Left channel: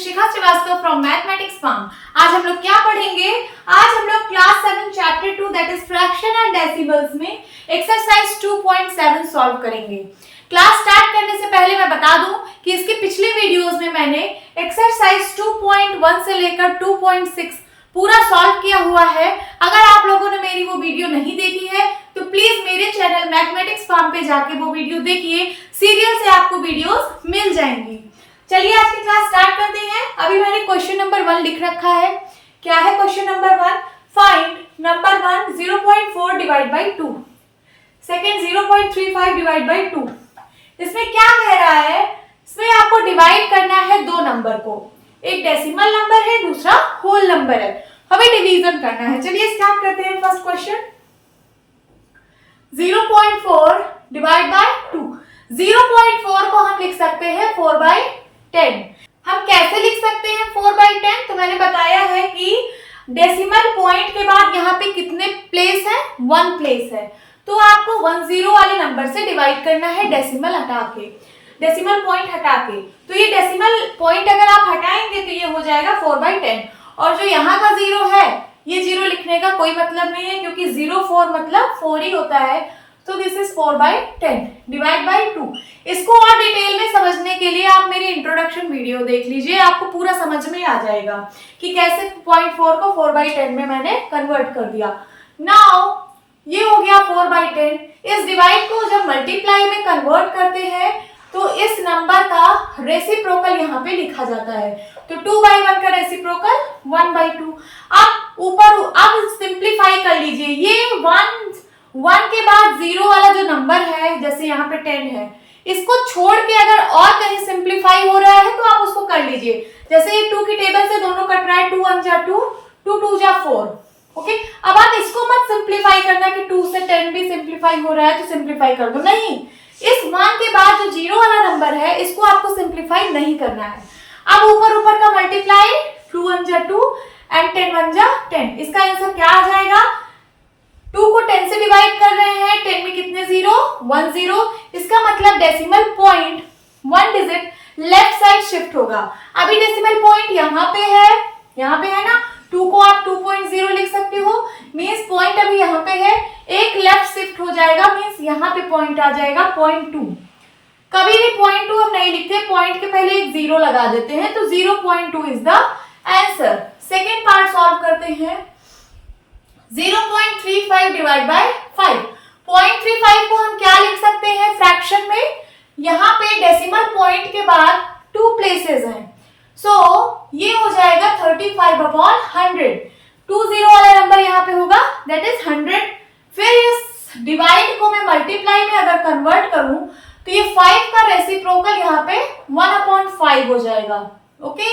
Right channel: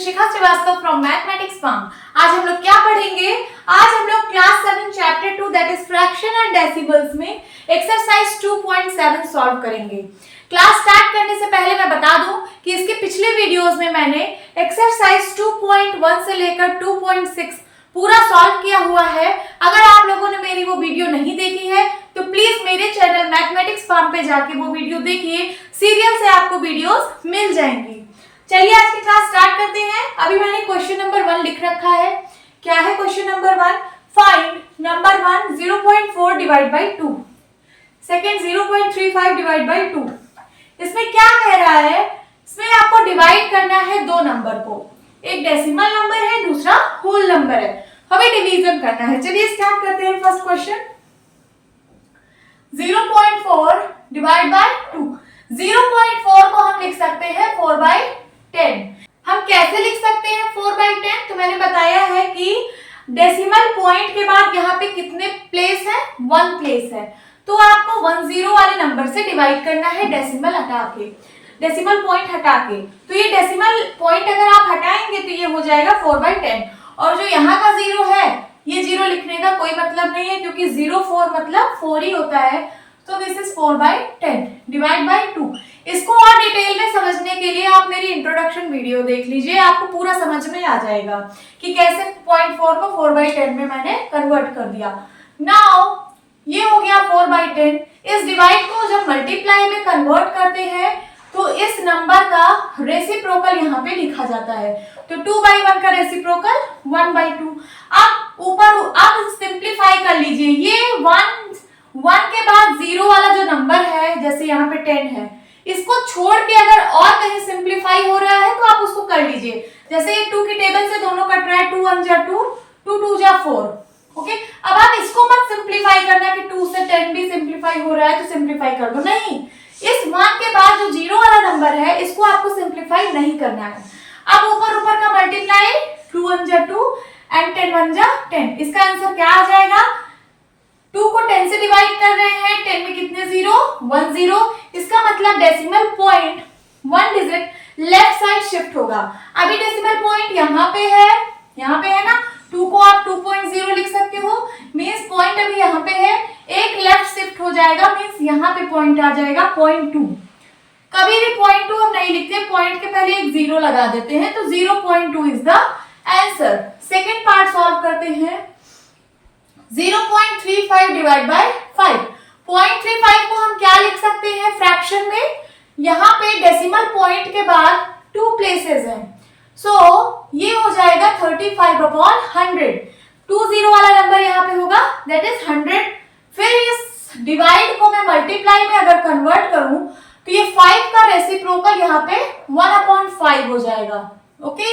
Shikha Srivastava from mathematics form. आज हम लोग क्या पढ़ेंगे? आज हम लोग class 7 chapter 2 that is fraction and decimals में एक्सरसाइज 2.7 सॉल्व करेंगे। क्लास स्टार्ट करने से पहले मैं बता दूं कि इसके पिछले वीडियोस में मैंने एक्सरसाइज 2.1 से लेकर 2.6 पूरा सॉल्व किया हुआ है। अगर आप लोगों ने मेरी वो वीडियो नहीं देखी है तो प्लीज मेरे चैनल मैथमेटिक्स फॉर्म पे जाके वो वीडियो देखिए, सीरियल से आपको वीडियोस मिल जाएंगी। चलिए आज की क्लास स्टार्ट करते हैं। अभी मैंने क्वेश्चन नंबर 1 लिख रखा है। क्या है question number 1? Find number 1 0.4 divide by 2, second 0.35 divide by 2। इसमें क्या कह रहा है? इसमें आपको डिवाइड करना है दो नंबर को, एक डेसिमल नंबर है, दूसरा होल नंबर है। हमें डिवीजन करना है। चलिए स्टार्ट करते हैं फर्स्ट क्वेश्चन। 0.4 divide by 2। 0.4 को हम लिख सकते हैं 4/10। हम कैसे लिख सकते हैं 4/10? तो मैंने बताया है कि डेसिमल पॉइंट के बाद यहाँ पे कितने प्लेस है? 1 प्लेस है, तो आपको 10 वाले नंबर से डिवाइड करना है डेसिमल हटा के, डेसिमल पॉइंट हटा के। तो ये डेसिमल पॉइंट अगर आप हटाएंगे तो ये हो जाएगा 4/10। और जो यहाँ का 0 है, ये 0 लिखने का कोई मतलब नहीं है क्योंकि 0 4 मतलब 4 ही होता है। तो दिस इज 4/10 डिवाइड बाई 2। इसको और डिटेल में समझने के लिए आप मेरी इंट्रोडक्शन वीडियो देख लीजिए, आपको पूरा समझ में आ जाएगा कि कैसे 0.4 को 4/10 में मैंने कन्वर्ट कर दिया। नाउ ये हो गया 4/10। इस डिवाइड को जब मल्टीप्लाई में कन्वर्ट करते हैं तो इस नंबर का रेसिप्रोकल यहाँ पे लिखा जाता है। तो 2/1 का रेसिप्रोकल 1/2। अब सिंप्लीफाई कर लीजिए। ये 1 के बाद 0 वाला जो नंबर है, जैसे यहाँ पे 10 है, इसको छोड़ के अगर और कहीं सिंप्लीफाई हो रहा है तो आप उसको कर लीजिए। जैसे ये 2 की टेबल से दोनों कट रहा है, 2 1 जा 2, 2 2 जा 4। ओके, अब आप इसको मत सिंप्लीफाई करना कि 2 से 10 भी सिंप्लीफाई हो रहा है तो सिंप्लीफाई कर दो, नहीं। इस 1 के बाद जो 0 वाला नंबर है इसको आपको सिंप्लीफाई नहीं करना है। अब ऊपर का मल्टीप्लाई, 2 1 जा 2 एंड 10 1 जा 10। इसका आंसर क्या आ जाएगा? 2 को 10 से डिवाइड कर रहे हैं, 10 में कितने 0? 1 0। इसका मतलब decimal point 1 digit left side shift होगा। अभी डेसिमल पॉइंट यहाँ पे है ना। 2 को आप 2.0 लिख सकते हो, मींस पॉइंट अभी यहाँ पे है, एक लेफ्ट शिफ्ट हो जाएगा, मींस यहाँ पे पॉइंट आ जाएगा 0.2। कभी भी 0.2 हम नहीं लिखते, पॉइंट के पहले एक 0 लगा देते हैं, तो 0.2 is the answer. Second part solve करते हैं। 0.35 डिवाइड बाय 5। 0.35 को हम क्या लिख सकते हैं फ्रैक्शन में? यहाँ पे डेसिमल पॉइंट के बाद 2 प्लेसेस हैं, सो ये हो जाएगा 35/100। 20 वाला नंबर यहाँ पे होगा, दैट इज 100। फिर इस डिवाइड को मैं मल्टीप्लाई में अगर कन्वर्ट करूं तो ये 5 का रेसिप्रोकल यहाँ पे 1/5 हो जाएगा। ओके,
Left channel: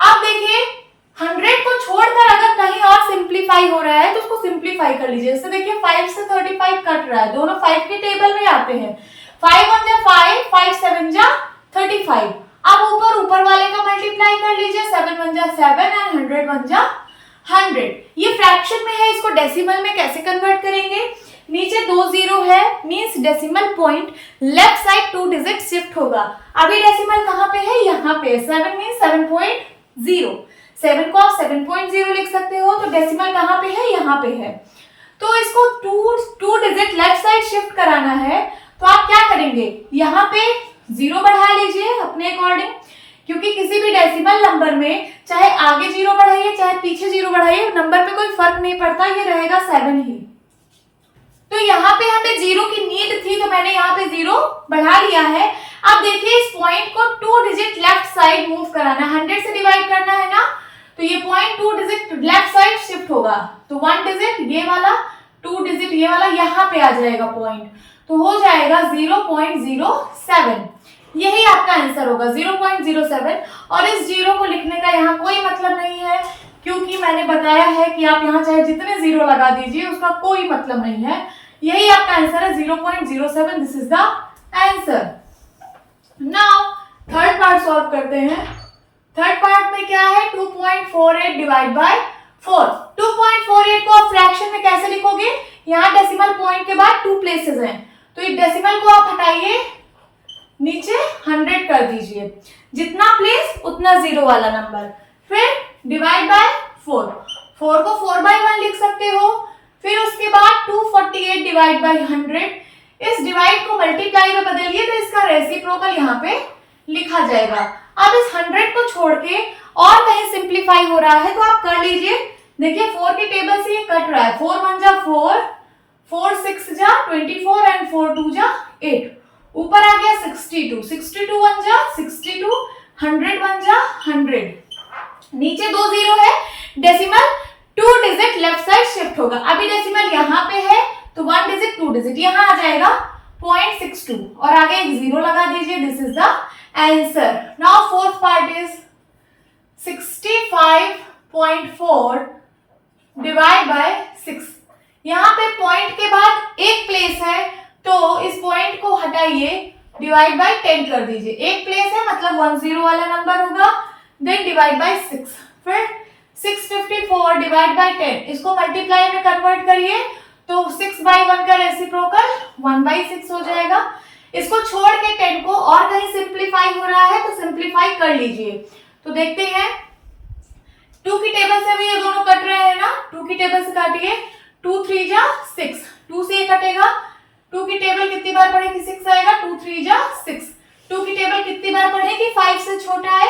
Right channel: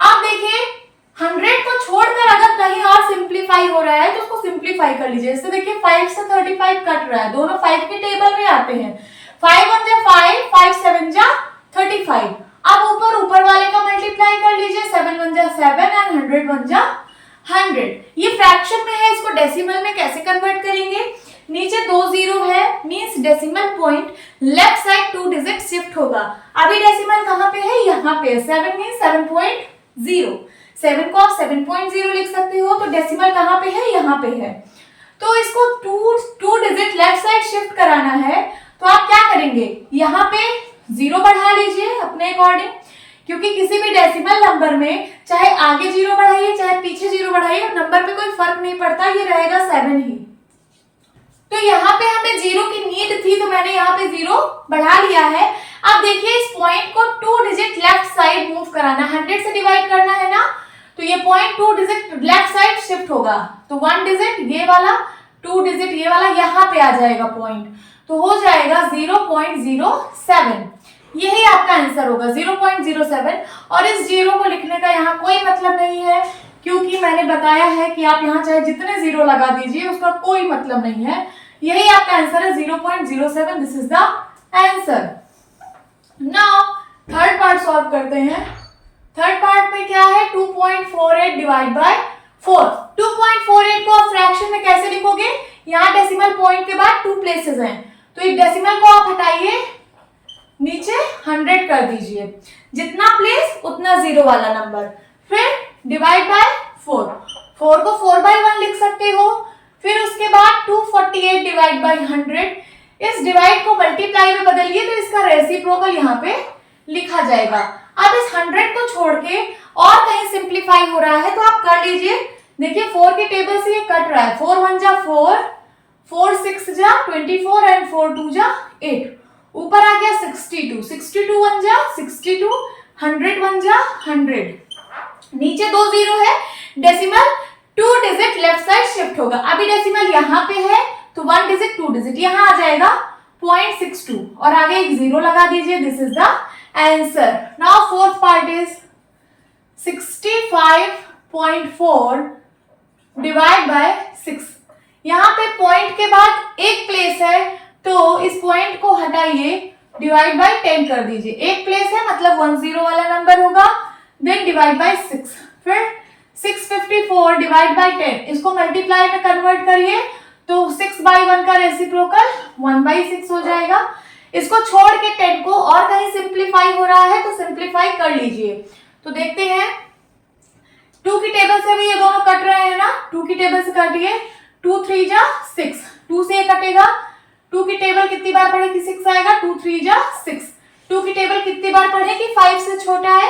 अब देखिए 100 को छोड़कर अगर कहीं और सिंप्लीफाई हो रहा है तो उसको सिंप्लीफाई कर लीजिए। इससे देखिए 5 से 35 कट रहा है, दोनों 5 के टेबल में आते हैं। 5 1 जा 5, 5 7 जा 35। अब ऊपर वाले का मल्टीप्लाई कर लीजिए, 7 1 जा 7 एंड 100 1 जा 100। ये फ्रैक्शन में है, इसको डेसिमल में कैसे कन्वर्ट करेंगे? नीचे 2 0 है, means decimal point left side 2 digit shift होगा। अभी डेसिमल कहाँ पे है? यहाँ पे। 7 मींस 7.0। 7 को आप 7.0 लिख सकते हो, तो डेसिमल कहाँ पे है? यहाँ पे है। तो इसको 2 डिजिट लेफ्ट साइड शिफ्ट कराना है, तो आप क्या करेंगे? यहाँ पे 0 बढ़ा लीजिए अपने अकॉर्डिंग, क्योंकि किसी भी डेसिमल नंबर में चाहे आगे 0 बढ़ाइए चाहे पीछे 0 बढ़ाइए, नंबर पे कोई फर्क नहीं पड़ता, ये रहेगा 7 ही। तो यहाँ पे हमें 0 की नीड थी तो मैंने यहाँ पे 0 बढ़ा लिया है। अब देखिए इस पॉइंट को 2 डिजिट लेफ्ट साइड मूव कराना, 100 से डिवाइड करना है ना, तो ये point 2 digit left side shift होगा। तो 1 डिजिट ये वाला, 2 डिजिट ये वाला, यहाँ पे आ जाएगा पॉइंट, तो हो जाएगा 0.07। यही आपका आंसर होगा 0.07। और इस 0 को लिखने का यहाँ कोई मतलब नहीं है, क्योंकि मैंने बताया है कि आप यहाँ चाहे जितने 0 लगा दीजिए उसका कोई मतलब नहीं है। यही आपका आंसर है 0.07। This is the answer. Now third part solve करते हैं। थर्ड पार्ट में क्या है? 2.48 डिवाइड बाय 4। 2.48 को आप फ्रैक्शन में कैसे लिखोगे? यहाँ डेसिमल पॉइंट के बाद 2 प्लेसेस हैं, तो इस डेसिमल को आप हटाइए, नीचे 100 कर दीजिए, जितना प्लेस उतना 0 वाला नंबर, फिर डिवाइड बाय 4, 4 को 4/1 लिख सकते हो, फिर उसके बाद 248 डिवाइड बाय 100, इस डिवाइड को मल्टीप्लाई में बदलिए तो इसका रेसिप्रोकल यहाँ पे लिखा जाएगा। अब इस 100 को छोड़ के और कहीं सिंप्लीफाई हो रहा है तो आप कर लीजिए। देखिए 4 के टेबल से ये कट रहा है, 4 1 जा 4, 4 6 जा 24 एंड 4 2 जा 8, ऊपर आ गया 62, 62 1 जा 62, 100 1 जा 100, नीचे 2 0 है, decimal 2 digit left side shift होगा। अभी डेसिमल यहाँ पे है तो 1 डिजिट 2 डिजिट यहाँ आ जाएगा 0.62 और आगे एक 0 लगा दीजिए। This is the answer. Now fourth part is 65.4 divide by 6। यहाँ पे पॉइंट के बाद एक प्लेस है तो इस पॉइंट को हटाइए, डिवाइड बाय 10 कर दीजिए। एक प्लेस है मतलब 10 वाला नंबर होगा, देन डिवाइड बाय 6, फिर 654 डिवाइड बाय 10, इसको मल्टीप्लाई में कन्वर्ट करिए तो 6/1 का रेसिप्रोकल 1/6 हो जाएगा। इसको छोड़ के 10 को और कहीं सिंप्लीफाई हो रहा है तो सिंप्लीफाई कर लीजिए। तो देखते हैं 2 की टेबल से भी ये दोनों कट रहे हैं ना, 2 की टेबल से काटिए, 2 3 जा 6, 2 से ये कटेगा, 2 की टेबल कितनी बार पढ़ेगी 6 आएगा, 2 3 जा 6, 2 की टेबल कितनी बार पढ़ेगी 5 से छोटा है,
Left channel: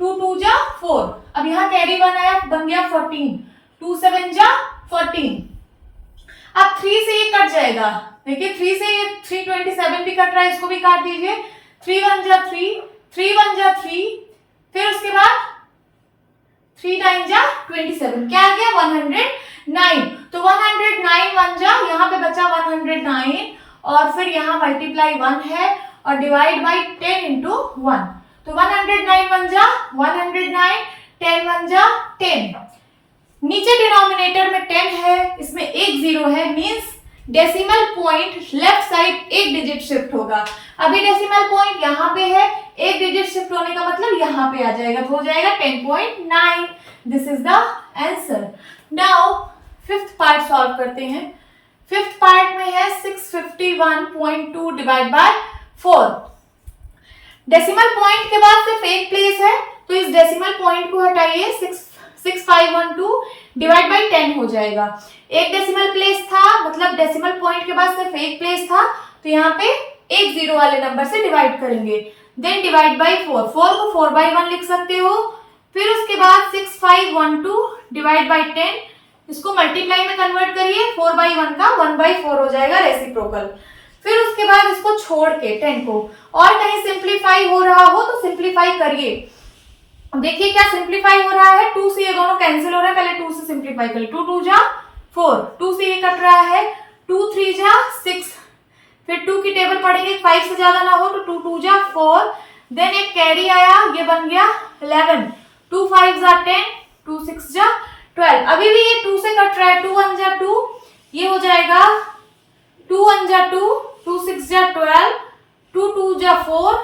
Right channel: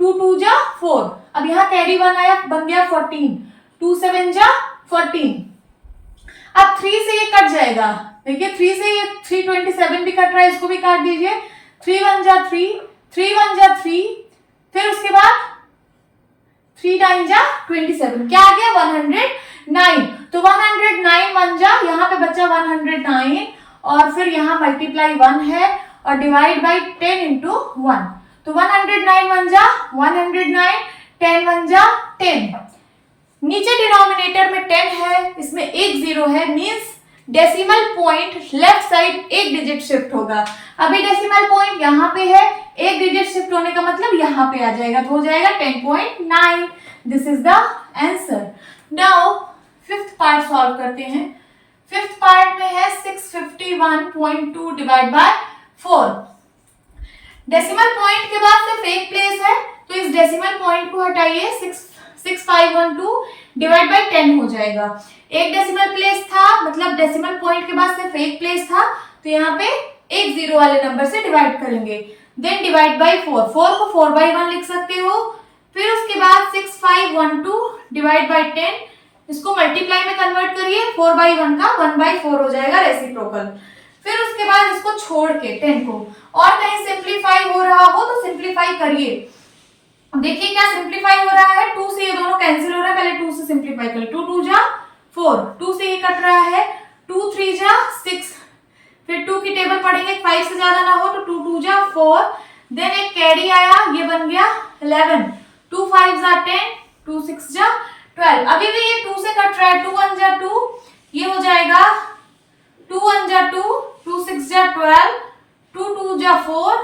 2 2 जा 4, अब यहाँ कैरी 1 आया बन गया 14, 2 7 जा 14। अब 3 से ये कट जाएगा, देखिए 3 से ये 327 भी कट रहा है, इसको भी काट दीजिए, 3 1 जा 3, 3 1 जा 3, फिर उसके बाद 3 9 जा 27, क्या आ गया 109, तो 109 1 जा, यहाँ पे बचा 109 और फिर यहाँ मल्टीप्लाई 1 है और डिवाइड बाई 10 इंटू 1, तो 109 1 जा 109, 10 1 जा 10, नीचे डिनोमिनेटर में 10 है, इसमें एक 0 है, means decimal point left side एक डिजिट शिफ्ट होगा। अभी डेसिमल पॉइंट यहाँ पे है, एक डिजिट शिफ्ट होने का मतलब यहाँ पे आ जाएगा, तो हो जाएगा 10.9। This is the answer. Now fifth part solve करते हैं। फिफ्थ पार्ट में है 651.2 डिवाइड बाय 4। डेसिमल पॉइंट के बाद सिर्फ एक प्लेस है तो इस डेसिमल पॉइंट को हटाइए, 6512 डिवाइड बाय 10 हो जाएगा। एक डेसिमल प्लेस था मतलब डेसिमल पॉइंट के बाद सिर्फ एक प्लेस था तो यहाँ पे एक 0 वाले नंबर से डिवाइड करेंगे, देन डिवाइड बाय 4, 4 को 4/1 लिख सकते हो, फिर उसके बाद 6512 डिवाइड बाय 10, इसको मल्टीप्लाई में कन्वर्ट करिए, 4/1 का 1/4 हो जाएगा रेसिप्रोकल। फिर उसके बाद इसको छोड़ के 10 को और कहीं सिंप्लीफाई हो रहा हो तो सिंप्लीफाई करिए। देखिए क्या सिंप्लीफाई हो रहा है, 2 से ये दोनों कैंसिल हो रहा है, पहले 2 से सिंप्लीफाई करिए, 2 2 जा 4, 2 से ये कट रहा है, 2 3 जा 6, फिर 2 की टेबल पढ़ेंगे 5 से ज्यादा ना हो तो 2 2 जा 4, देन एक कैरी आया, ये बन गया 11, 2 5 जा 10, 2 6 जा 12। अभी भी ये 2 से कट रहा है, 2 1 जा 2, ये हो जाएगा 2 1 जा 2, 2 6 जा 12, 2 2 जा 4,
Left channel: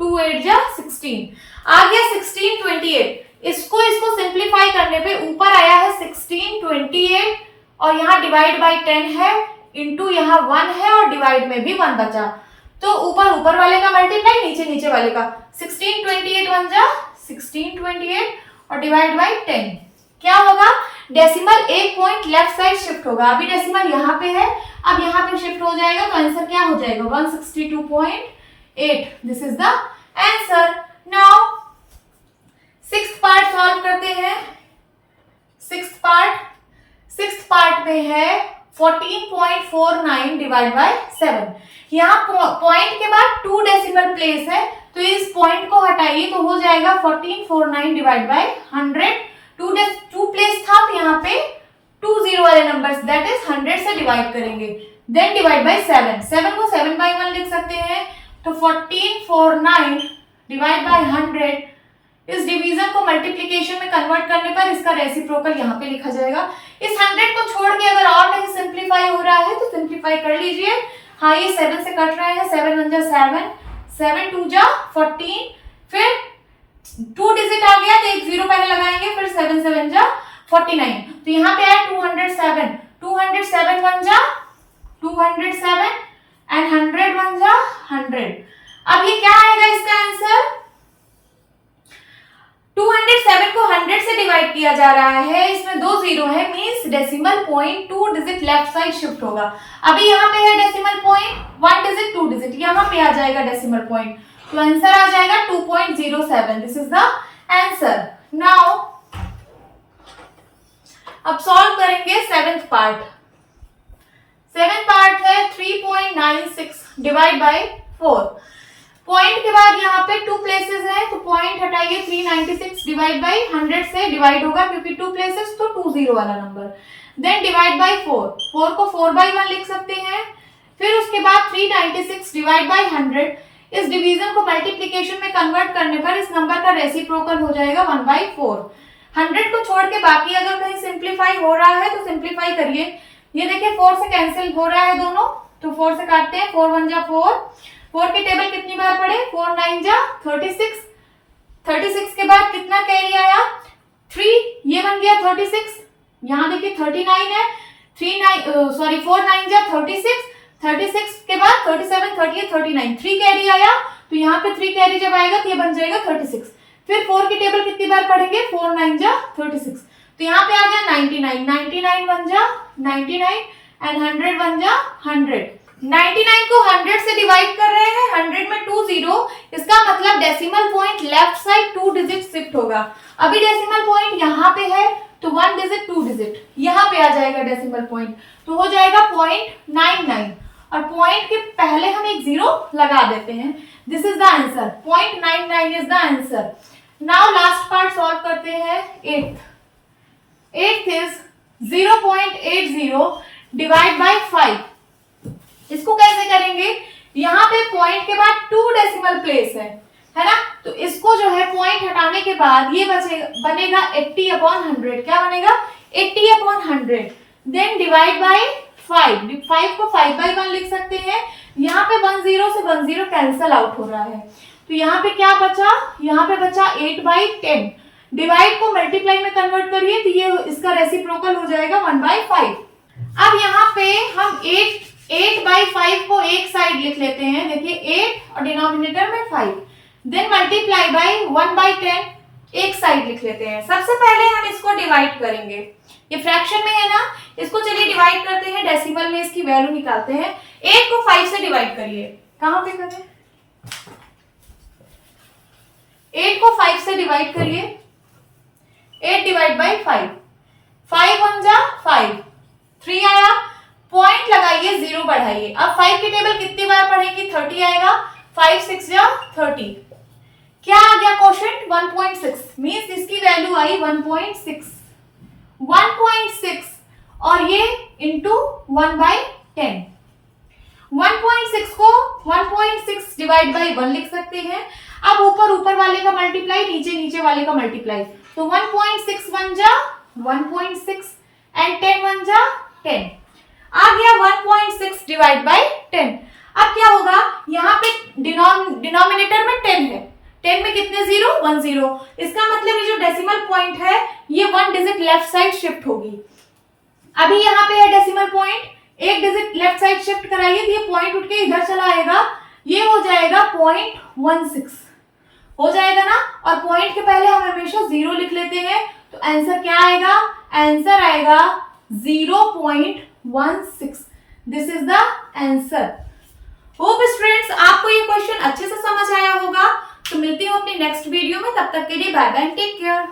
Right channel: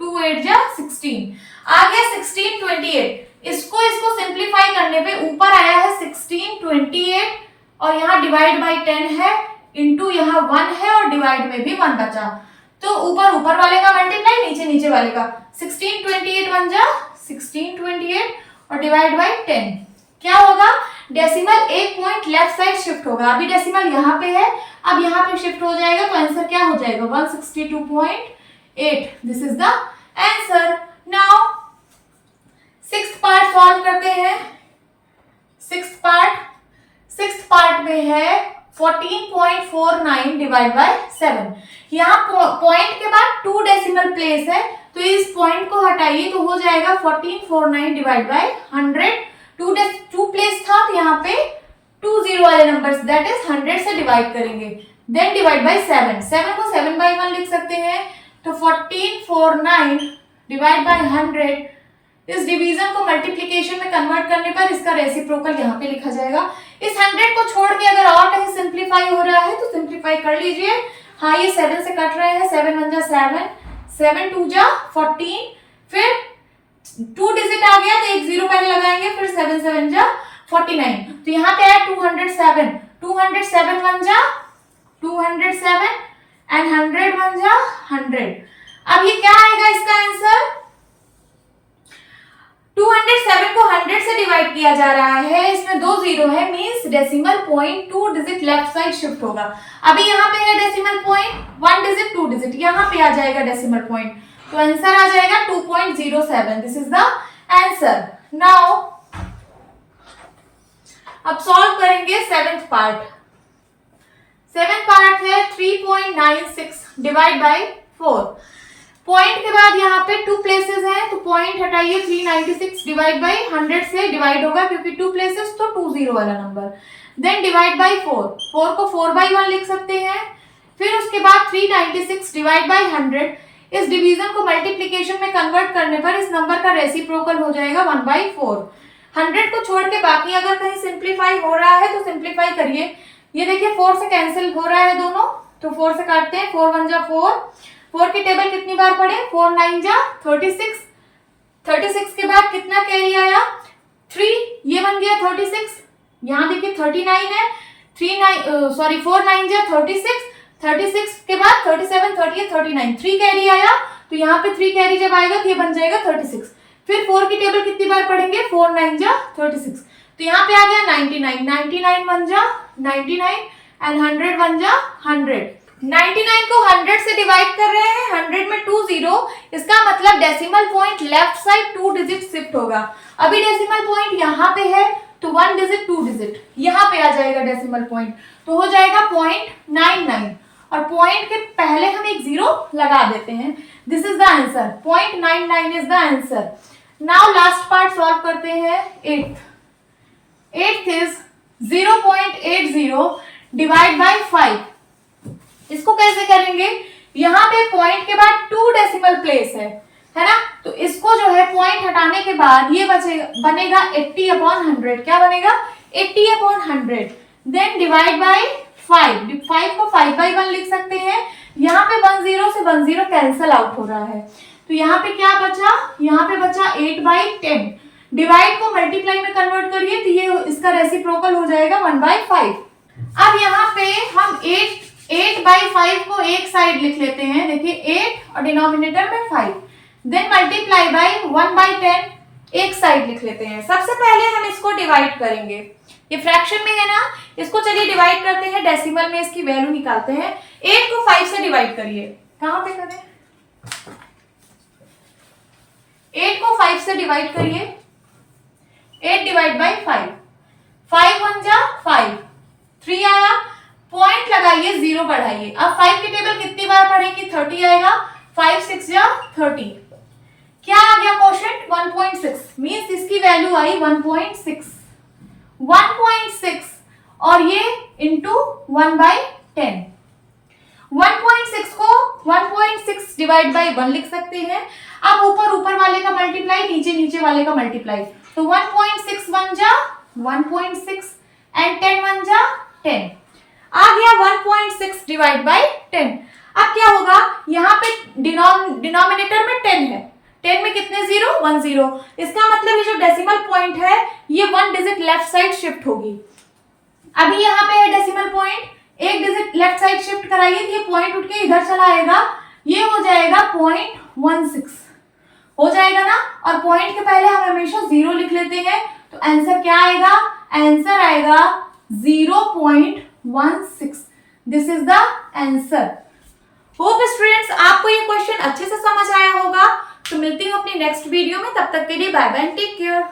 2 8 जा 16, आ गया 1628। इसको सिंप्लीफाई करने पे ऊपर आया है 1628 और यहाँ डिवाइड बाय 10 है, इंटू यहाँ 1 है और डिवाइड में भी 1 बचा, तो ऊपर वाले का मल्टीप्लाई, नीचे वाले का, 1628 1 जा 1628 और डिवाइड बाय 10, क्या होगा डेसिमल एक पॉइंट लेफ्ट साइड शिफ्ट होगा। अभी डेसिमल यहाँ पे है, अब यहाँ पे शिफ्ट हो जाएगा तो आंसर क्या हो जाएगा 162.8। This is the answer. Now sixth part solve करते हैं। सिक्स्थ पार्ट में है 14.49 डिवाइड बाय 7। यहाँ पॉइंट के बाद 2 डेसिमल प्लेस है तो इस पॉइंट को हटाइए तो हो जाएगा 1449 डिवाइड बाय 100। 2 प्लेस था तो यहाँ पे 2 0 वाले नंबर्स दैट इज 100 से डिवाइड करेंगे, देन डिवाइड बाय 7, 7 को 7/1 लिख सकते हैं, तो 1449 डिवाइड बाय 100, इस डिवीजन को मल्टीप्लिकेशन में कन्वर्ट करने पर इसका रेसिप्रोकल यहाँ पे लिखा जाएगा। इस 100 को छोड़ के अगर और कहीं सिंप्लीफाई हो रहा है तो सिंप्लीफाई कर लीजिए। हाँ ये 7 से कट रहे हैं, 7 1 जा 7, 7 2 जा 14, फिर 2 डिजिट आ गया तो एक 0 पहले लगाएंगे, फिर 7 7 जा 49, तो यहाँ पे आया 207, 207 1 जा 207 एंड 100 1 जा 100। अब ये क्या आएगा इसका आंसर? 207 को 100 से डिवाइड किया जा रहा है, इसमें 2 जीरो है, means decimal point 2 digit left side shift होगा। अभी यहाँ पे है डेसिमल पॉइंट 1 डिजिट 2 डिजिट, यहाँ पे आ जाएगा डेसिमल पॉइंट, तो आंसर आ जाएगा 2.07। This is the answer. Now अब सॉल्व करेंगे सेवेंथ पार्ट। सेवेंथ पार्ट है 3.96 डिवाइड बाई 4। पॉइंट के बाद यहाँ पे 2 प्लेसेस हैं, तो पॉइंट हटाइए, 396 डिवाइड बाई 100 से डिवाइड होगा क्योंकि 2 प्लेसेस तो 20 वाला नंबर। देन डिवाइड बाई 4, 4 को 4/1 लिख सकते हैं। फिर उसके बाद 396 डिवाइड बाई 100, इस डिवीजन को मल्टीप्लीकेशन में कन्वर्ट करने पर इस नंबर का रेसिप्रोकल हो जाएगा 1/4। 100 को छोड़ के बाकी अगर कहीं सिंप्लीफाई हो रहा है तो सिंप्लीफाई करिए। ये देखिए 4 से कैंसिल हो रहा है दोनों, तो 4 से काटते हैं, 4 1 जा 4, 4 की टेबल कितनी बार पढ़े, 4 9 जा 36, 36 के बाद कितना कैरी आया 3, ये बन गया 36, यहाँ देखिए 39 है, 4 9 जा 36, 36 के बाद 37 38 39, 3 कैरी आया, तो यहाँ पे 3 कैरी जब आएगा तो ये बन जाएगा 36। फिर 4 की टेबल कितनी बार पढ़ेंगे, 4 9 जा 36, तो यहाँ पे आ गया 99, 99 1 जा 99 एंड 100 1 जा 100। 99 को 100 से डिवाइड कर रहे हैं, 100 में 2 जीरो, इसका मतलब decimal point left side 2 digit shift होगा। अभी डेसिमल पॉइंट यहाँ पे है तो 1 डिजिट 2 डिजिट यहाँ पे आ जाएगा डेसिमल पॉइंट, तो हो जाएगा 0.99 और पॉइंट के पहले हम एक जीरो लगा देते हैं। This is the answer, 0.99 is the answer. Now last part solve करते हैं। 8th is 0.80 divide by 5। इसको कैसे करेंगे, यहाँ पे पॉइंट के बाद 2 डेसिमल प्लेस है ना, तो इसको जो है पॉइंट हटाने के बाद ये बनेगा 80/100। क्या बनेगा, 80/100। देन डिवाइड बाई 5, 5 को 5/1 लिख सकते हैं। यहाँ पे 1 0 से 1 0 कैंसल आउट हो रहा है, तो यहाँ पे क्या बचा, यहाँ पे बचा 8/10। डिवाइड को मल्टीप्लाई में कन्वर्ट करिए तो ये इसका रेसिप्रोकल हो जाएगा 1/5। अब यहाँ पे हम 8/5 को एक साइड लिख लेते हैं, देखिए 8 और डिनोमिनेटर में 5, देन मल्टीप्लाई बाई 1/10 एक साइड लिख लेते हैं। सबसे पहले हम इसको डिवाइड करेंगे, ये फ्रैक्शन में है ना, इसको चलिए डिवाइड करते हैं, डेसिमल में इसकी वैल्यू निकालते हैं। 8 को 5 से डिवाइड करिए, कहां पे करें, 8 को 5 से डिवाइड करिए, 8 डिवाइड बाई 5, 5 1 जा 5, 3 आया, पॉइंट लगाइए, 0 बढ़ाइए। अब 5 की टेबल कितनी बार पढ़ेंगे, 30 आएगा, 5 6 जा 30, क्या आ गया क्वोशंट 1.6, मींस इसकी वैल्यू आई 1.6, 1.6 और ये इंटू 1/10। 1.6 को 1.6 डिवाइड बाई 1 लिख सकते हैं। अब ऊपर वाले का मल्टीप्लाई, नीचे वाले का मल्टीप्लाई, तो 1.6 1 जा 1.6 एंड 10 1 जा 10, आ गया 1.6 डिवाइड बाई 10। अब क्या होगा, यहाँ पे डिनोमिनेटर में 10 है, 10 में कितने जीरो, 1 0, इसका मतलब ये जो डेसिमल पॉइंट है ये 1 डिजिट लेफ्ट साइड शिफ्ट होगी। अभी यहाँ पे है डेसिमल पॉइंट, एक डिजिट लेफ्ट साइड शिफ्ट कराइए तो ये पॉइंट उठ के इधर चला आएगा, ये हो जाएगा 0.16 हो जाएगा ना, और पॉइंट के पहले हम हमेशा 0 लिख लेते हैं, तो आंसर क्या आएगा, आंसर आएगा 0.16। This is the answer. Hope students आपको ये क्वेश्चन अच्छे से समझ आया होगा। तो मिलती हूँ अपनी नेक्स्ट वीडियो में, तब तक के लिए बाय बाय, टेक केयर।